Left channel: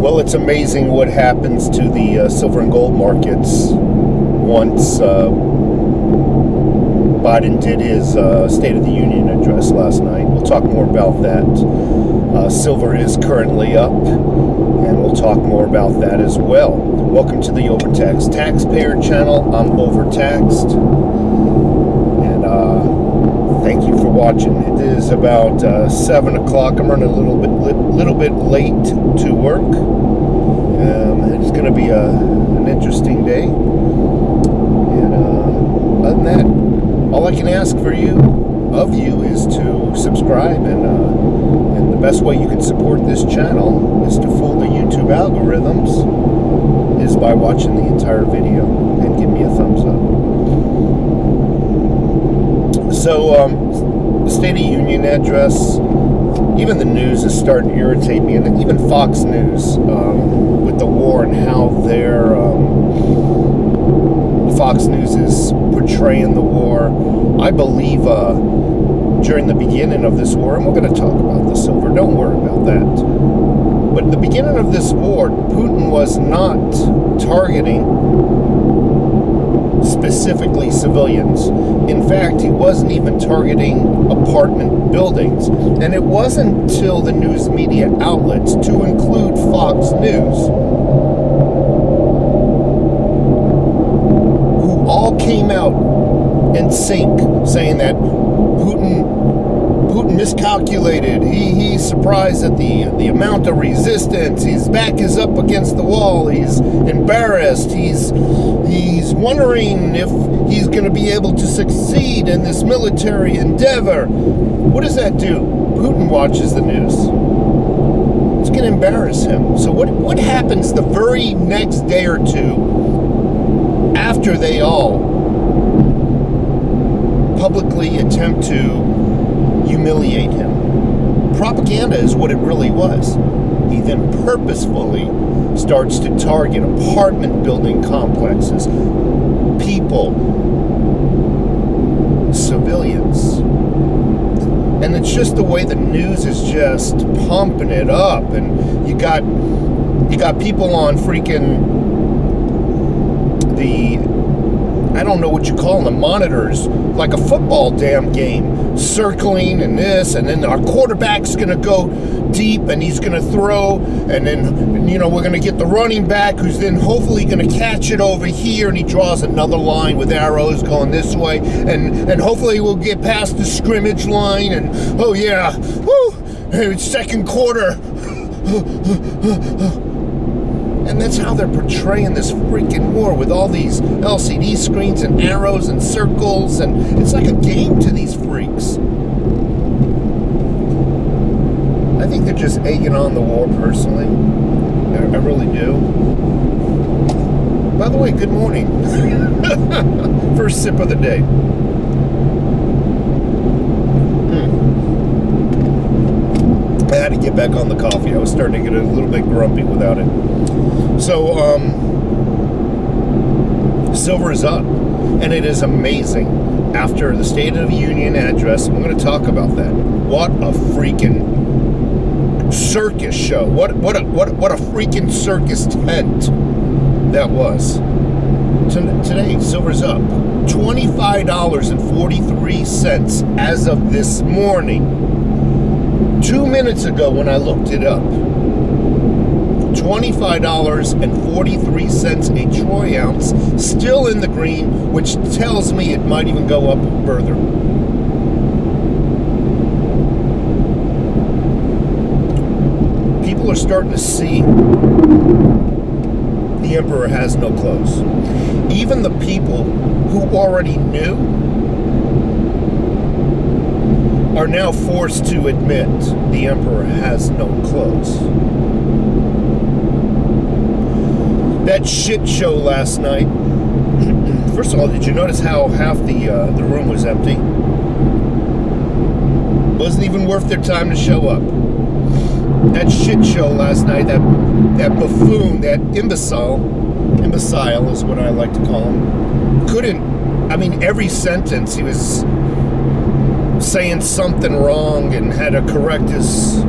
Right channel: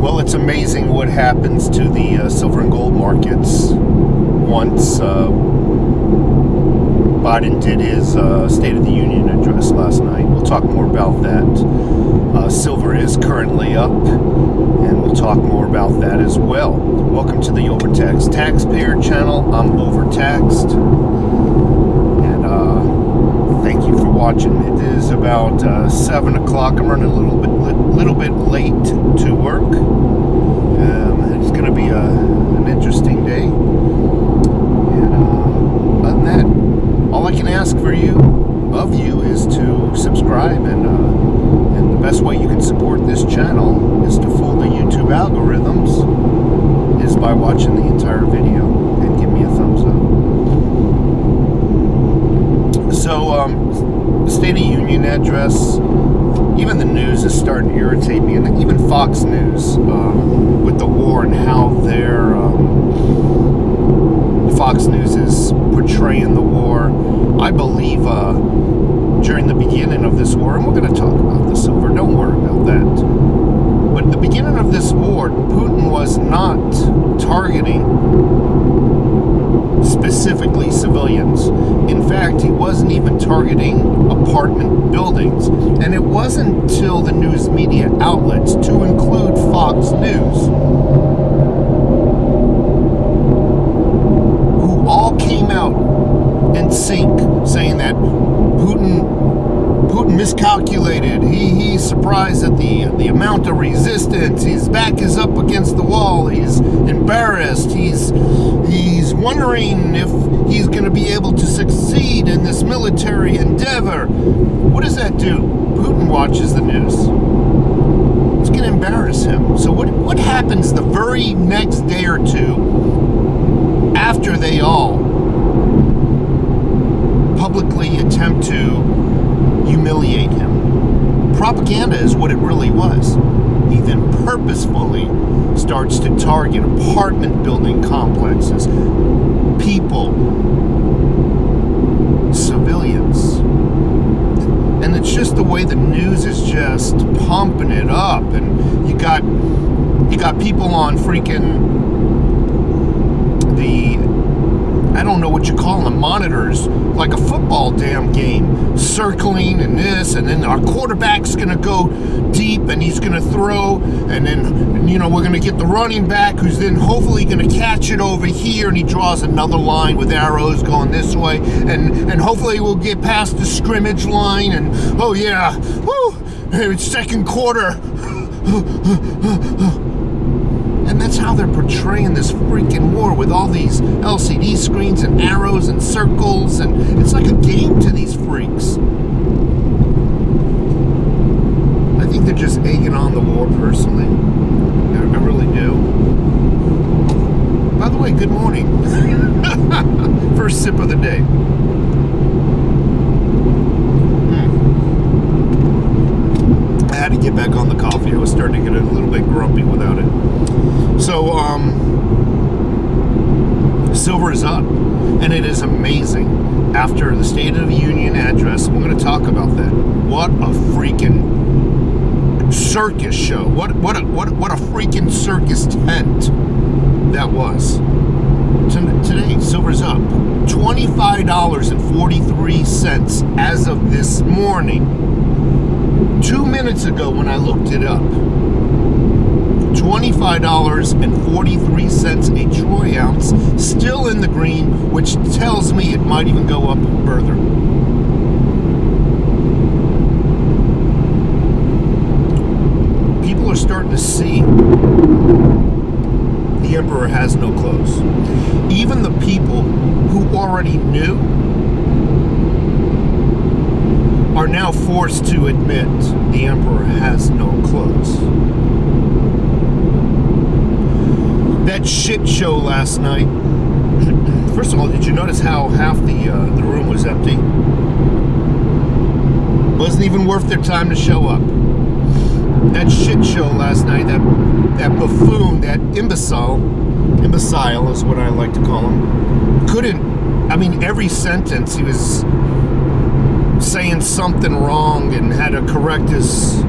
Well, it's amazing what happens to the silver and gold markets once Biden did his State of the Union address last night. We'll talk more about that. Silver is currently up, and we'll talk more about that as well. Welcome to the Overtaxed Taxpayer channel. I'm Overtaxed, and thank you for watching. It is about 7 o'clock. I'm running a little bit late to work. It's going to be an interesting day. And other than that, all I can ask of you is to subscribe, and the best way you can support this channel is to fool the YouTube algorithms is by watching the entire video and give me a thumbs up. So, the State of Union address, even the news is starting to irritate me, and even Fox News, with the war and how their Fox News is portraying the war. I believe during the beginning of this war, and we're going to talk about the silver, don't worry about that. But at the beginning of this war, Putin was not targeting specifically civilians. In fact, he wasn't even targeting apartment buildings. And it wasn't until the news media outlets, to include Fox News, who all came out in sync saying that Putin miscalculated. He's surprised at the amount of resistance. His back is up against the wall. He's embarrassed. He's wondering if he's going to be able to succeed in this military endeavor. What does that do? Putin watches the news. It's going to embarrass him. So what happens the very next day or two after they all publicly attempt to humiliate him? Propaganda is what it really was. He then purposefully starts to target apartment building complexes, people, civilians. And it's just the way the news is just pumping it up. And you got people on freaking I don't know what you call them, monitors, like a football damn game, circling and this, and then our quarterback's going to go deep and he's going to throw, and then, we're going to get the running back who's then hopefully going to catch it over here, and he draws another line with arrows going this way, and hopefully we'll get past the scrimmage line, and oh yeah, woo, it's second quarter. And that's how they're portraying this freaking war, with all these LCD screens and arrows and circles, and it's like a game to these freaks. I think they're just egging on the war, personally. I really do. By the way, good morning. First sip of the day. I had to get back on the coffee. I was starting to get a little bit grumpy without it. So, silver is up, and it is amazing. After the State of the Union address, we're going to talk about that. What a freaking circus show! What a freaking circus tent that was. Today, silver's up $25.43 as of this morning. 2 minutes ago, when I looked it up. $25.43 a troy ounce, still in the green, which tells me it might even go up further. People are starting to see the emperor has no clothes. Even the people who already knew are now forced to admit the emperor has no clothes. That shit show last night. First of all, did you notice how half the room was empty? Wasn't even worth their time to show up. That shit show last night, that buffoon, that imbecile is what I like to call him, every sentence he was saying something wrong and had to correct his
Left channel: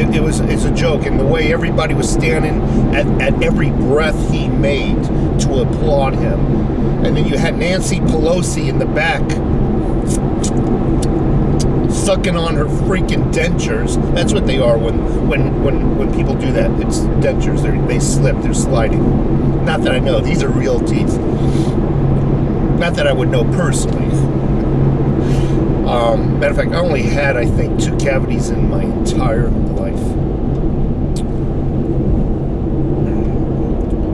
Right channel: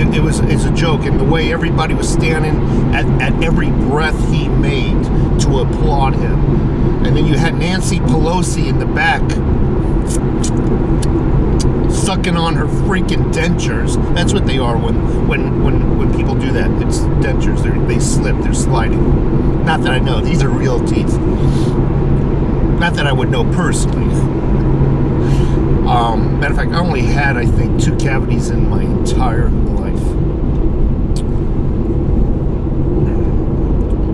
it's a joke, and the way everybody was standing at every breath he made to applaud him. And then you had Nancy Pelosi in the back sucking on her freaking dentures. That's what they are when people do that. It's dentures. They slip. They're sliding. Not that I know. These are real teeth. Not that I would know personally. Matter of fact, I only had, I think, 2 cavities in my entire life.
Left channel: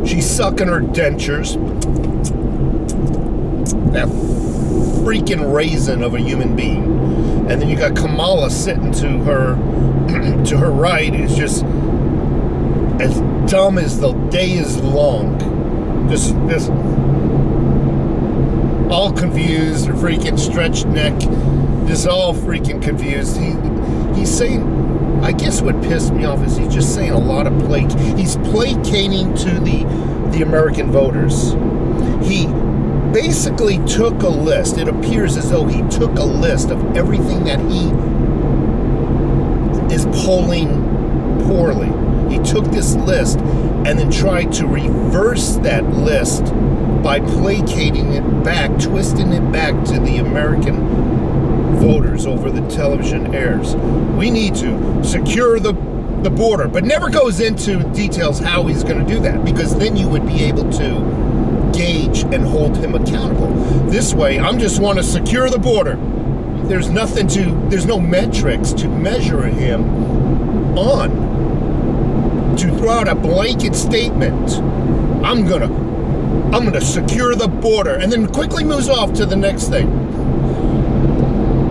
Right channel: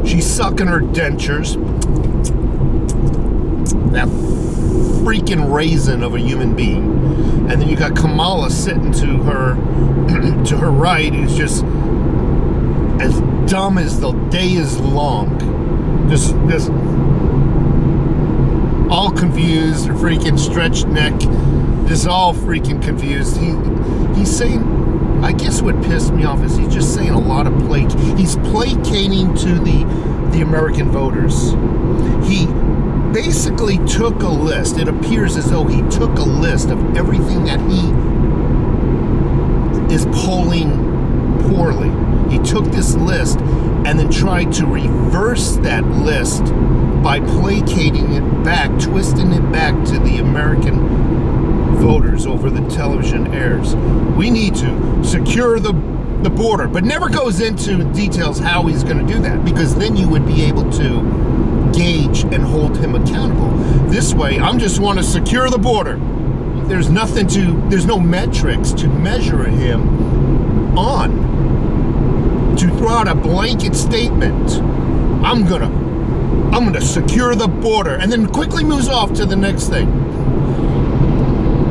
She's sucking her dentures. That freaking raisin of a human being. And then you got Kamala sitting to her to her right, who's just as dumb as the day is long. Just all confused, freaking stretched neck, just all freaking confused. He's saying, I guess what pissed me off is he's just saying a lot of he's placating to the American voters. He basically took a list. It appears as though he took a list of everything that he is polling poorly. He took this list and then tried to reverse that list by placating it back, twisting it back to the American voters over the television airs. We need to secure the border, but never goes into details how he's going to do that, because then you would be able to gauge and hold him accountable. This way, I just want to secure the border. There's no metrics to measure him on. To throw out a blanket statement, I'm gonna secure the border, and then quickly moves off to the next thing.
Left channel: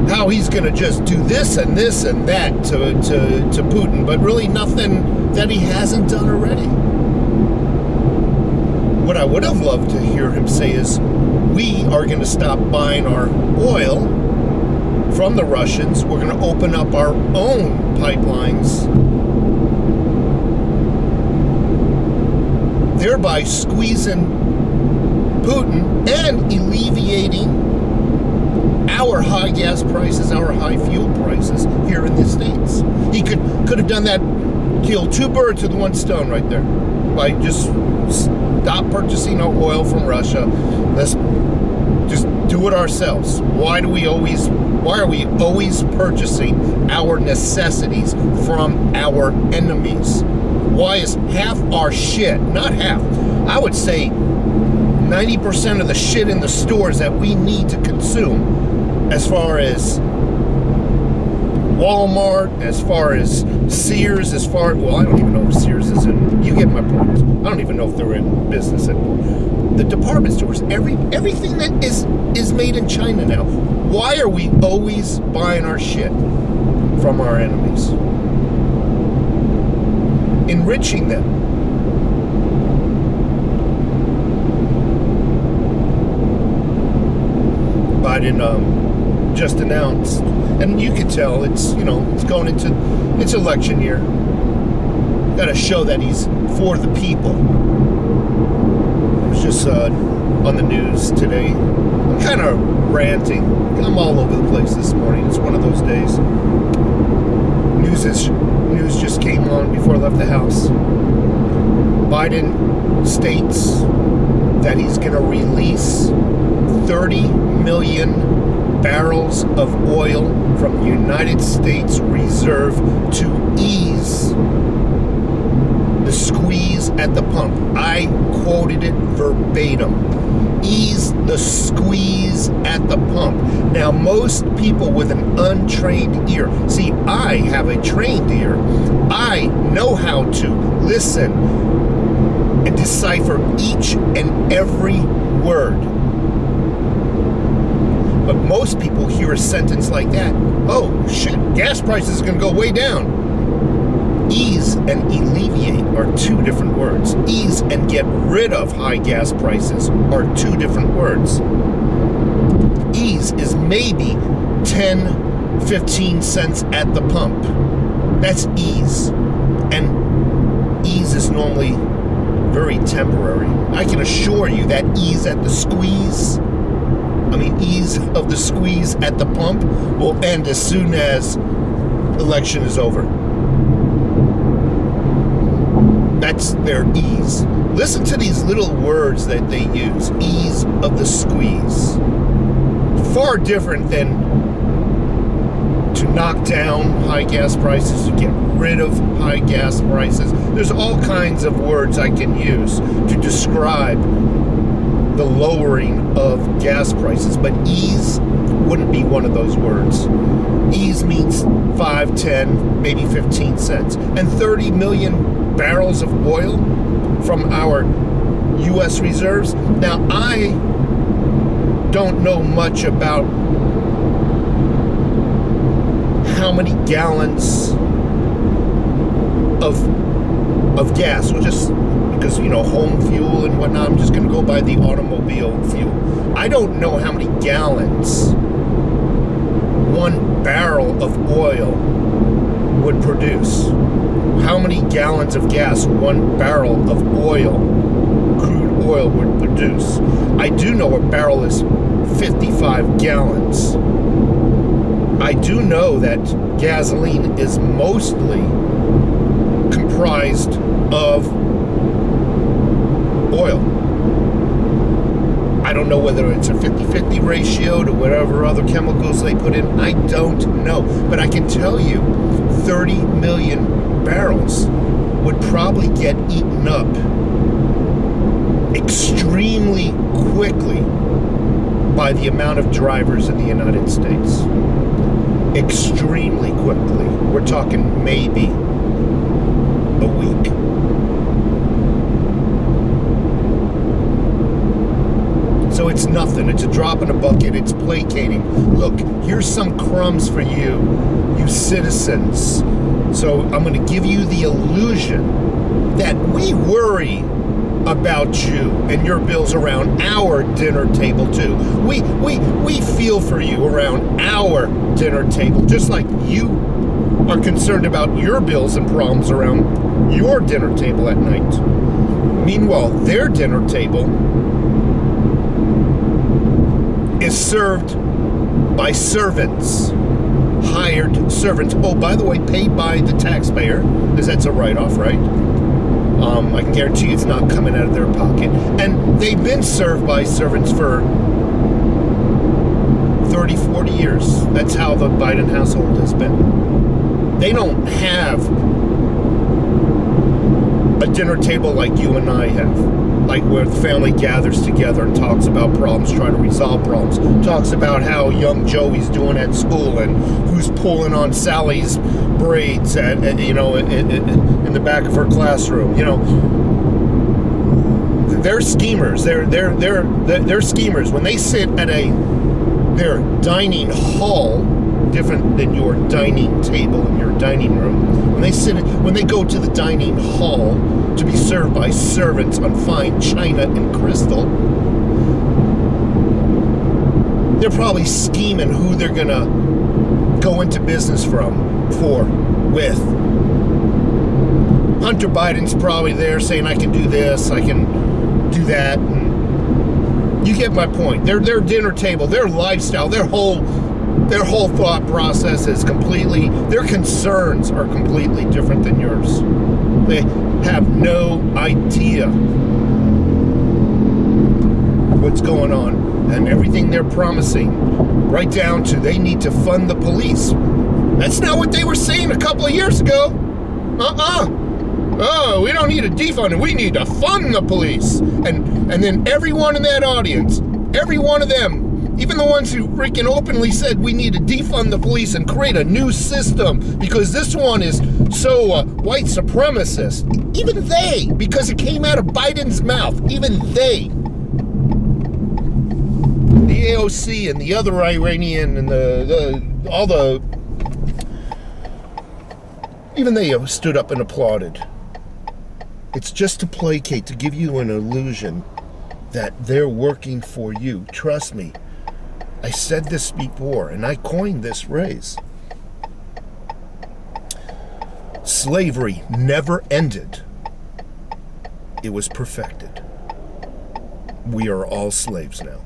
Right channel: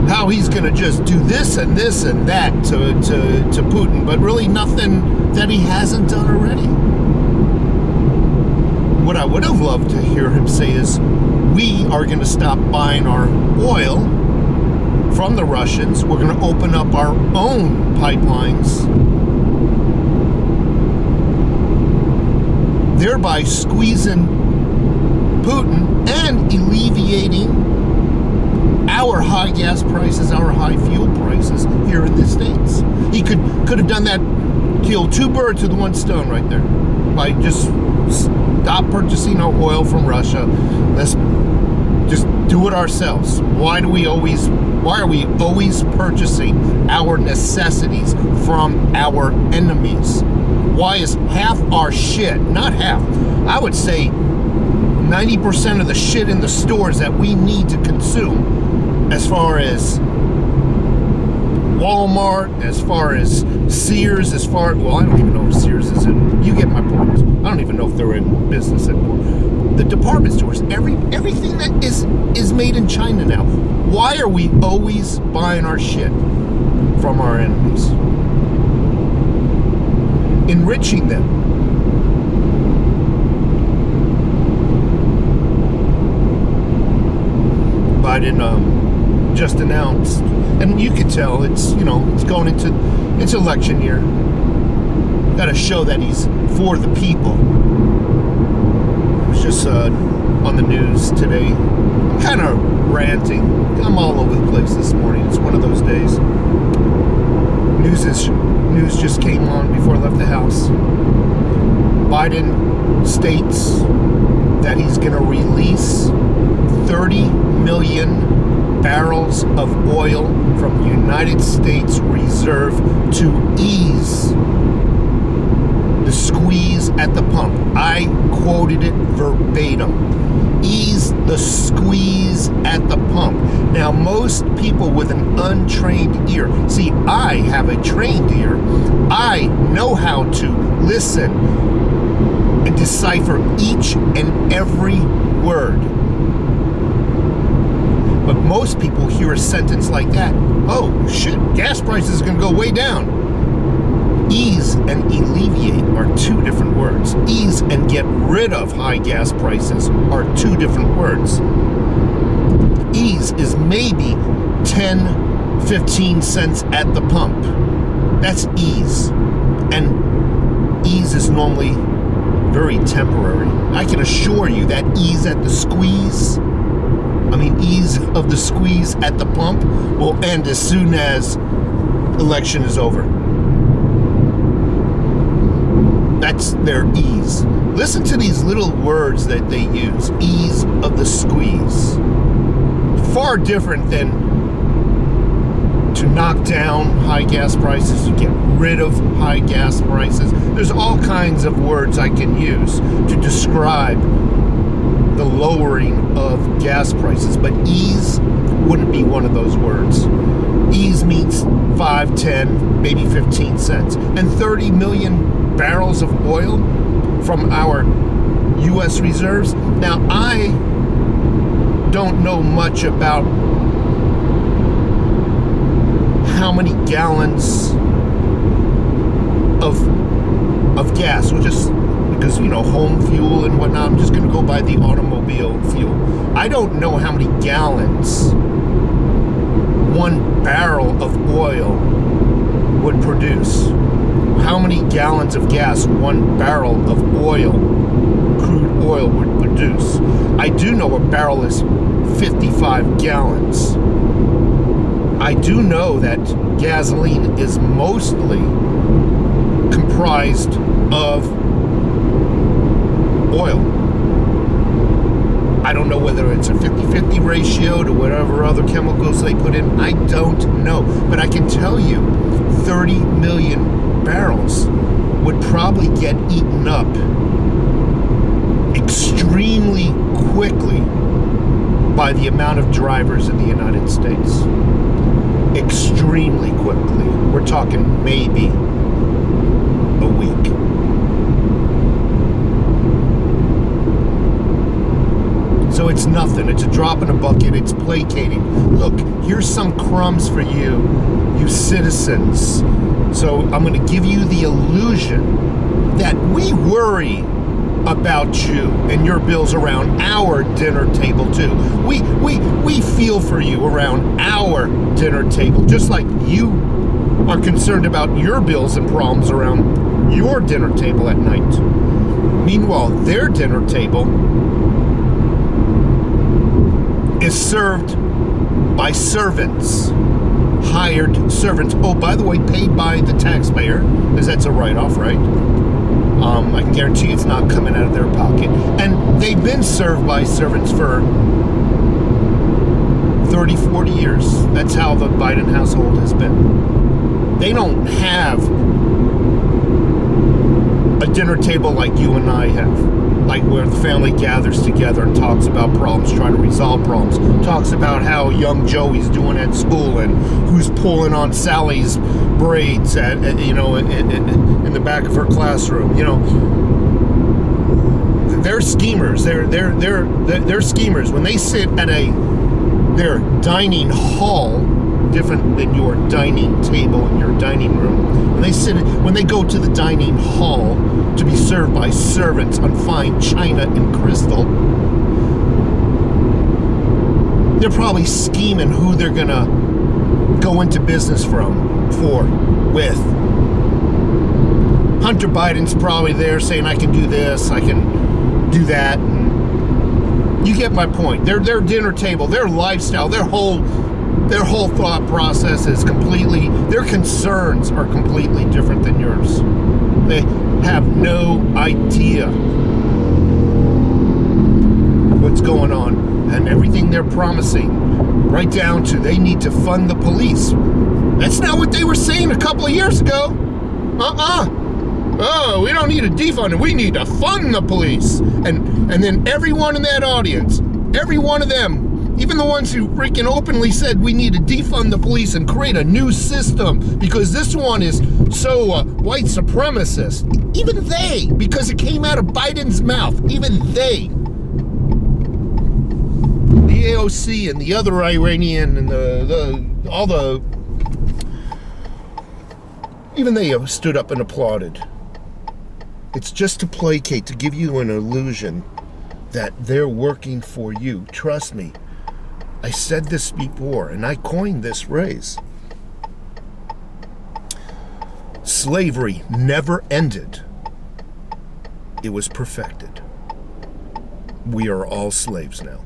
How he's gonna just do this and this and that to Putin, but really nothing that he hasn't done already. What I would have loved to hear him say is, we are going to stop buying our oil from the Russians. We're going to open up our own pipelines, thereby squeezing Putin and alleviating our high gas prices, our high fuel prices here in the States. He could have done that, killed 2 birds with 1 stone right there, by just stop purchasing our oil from Russia. Let's just do it ourselves. Why are we always purchasing our necessities from our enemies? Why is half our shit, not half, I would say 90% of the shit in the stores that we need to consume, as far as Walmart, as far as Sears, well, I don't even know if Sears is in, you get my point. I don't even know if they're in business anymore. The department stores, everything that is made in China now. Why are we always buying our shit from our enemies? Enriching them. Biden just announced, and you could tell it's going into election year. Got to show that he's for the people. It was just on the news today. I'm kind of ranting. I'm all over the place this morning. It's one of those days. News just came on before I left the house. Biden states that he's going to release 30 million barrels of oil from the United States Reserve to ease the squeeze at the pump. I quoted it verbatim. Ease the squeeze at the pump. Now, most people with an untrained ear, see, I have a trained ear. I know how to listen and decipher each and every word. But most people hear a sentence like that. Oh, shit, gas prices are going to go way down. Ease and alleviate are 2 different words. Ease and get rid of high gas prices are 2 different words. Ease is maybe 10, 15 cents at the pump. That's ease. And ease is normally very temporary. I can assure you that ease of the squeeze at the pump will end as soon as election is over. That's their ease. Listen to these little words that they use. Ease of the squeeze. Far different than to knock down high gas prices, to get rid of high gas prices. There's all kinds of words I can use to describe the lowering of gas prices, but ease wouldn't be one of those words. Ease means 5, 10, maybe 15 cents. And 30 million barrels of oil from our U.S. reserves. Now, I don't know much about how many gallons of gas. We'll just, because, you know, home fuel and whatnot, I'm just going to go by the automobile fuel. I don't know how many gallons one barrel of oil would produce. How many gallons of gas one barrel of oil, crude oil, would produce. I do know a barrel is 55 gallons. I do know that gasoline is mostly comprised of oil. I don't know whether it's a 50-50 ratio to whatever other chemicals they put in. I don't know. But I can tell you 30 million barrels would probably get eaten up extremely quickly by the amount of drivers in the United States. Extremely quickly. We're talking maybe a week. So it's nothing. It's a drop in a bucket. It's placating. Look, here's some crumbs for you, you citizens. So I'm going to give you the illusion that we worry about you and your bills around our dinner table too. We feel for you around our dinner table, just like you are concerned about your bills and problems around your dinner table at night. Meanwhile, their dinner table is served by servants, hired servants. Oh, by the way, paid by the taxpayer, because that's a write-off, right? I can guarantee you it's not coming out of their pocket. And they've been served by servants for 30, 40 years. That's how the Biden household has been. They don't have a dinner table like you and I have, like where the family gathers together and talks about problems, trying to resolve problems, talks about how young Joey's doing at school and who's pulling on Sally's braids at in the back of her classroom. You know, they're schemers. They're schemers. When they sit at their dining hall, different than your dining table in your dining room. When they go to the dining hall to be served by servants on fine china and crystal, they're probably scheming who they're gonna go into business with. Hunter Biden's probably there saying, I can do this, I can do that, and you get my point. Their dinner table, their lifestyle, their whole thought process is completely, their concerns are completely different than yours. They have no idea what's going on, and everything they're promising, right down to they need to fund the police. That's not what they were saying a couple of years ago. Oh, we don't need to defund it. We need to fund the police. And then everyone in that audience, every one of them, even the ones who freaking openly said we need to defund the police and create a new system because this one is so white supremacist, even they, because it came out of Biden's mouth, even they, the AOC and the other Iranian and even they stood up and applauded. It's just to placate, to give you an illusion that they're working for you. Trust me. I said this before, and I coined this phrase. Slavery never ended. It was perfected. We are all slaves now.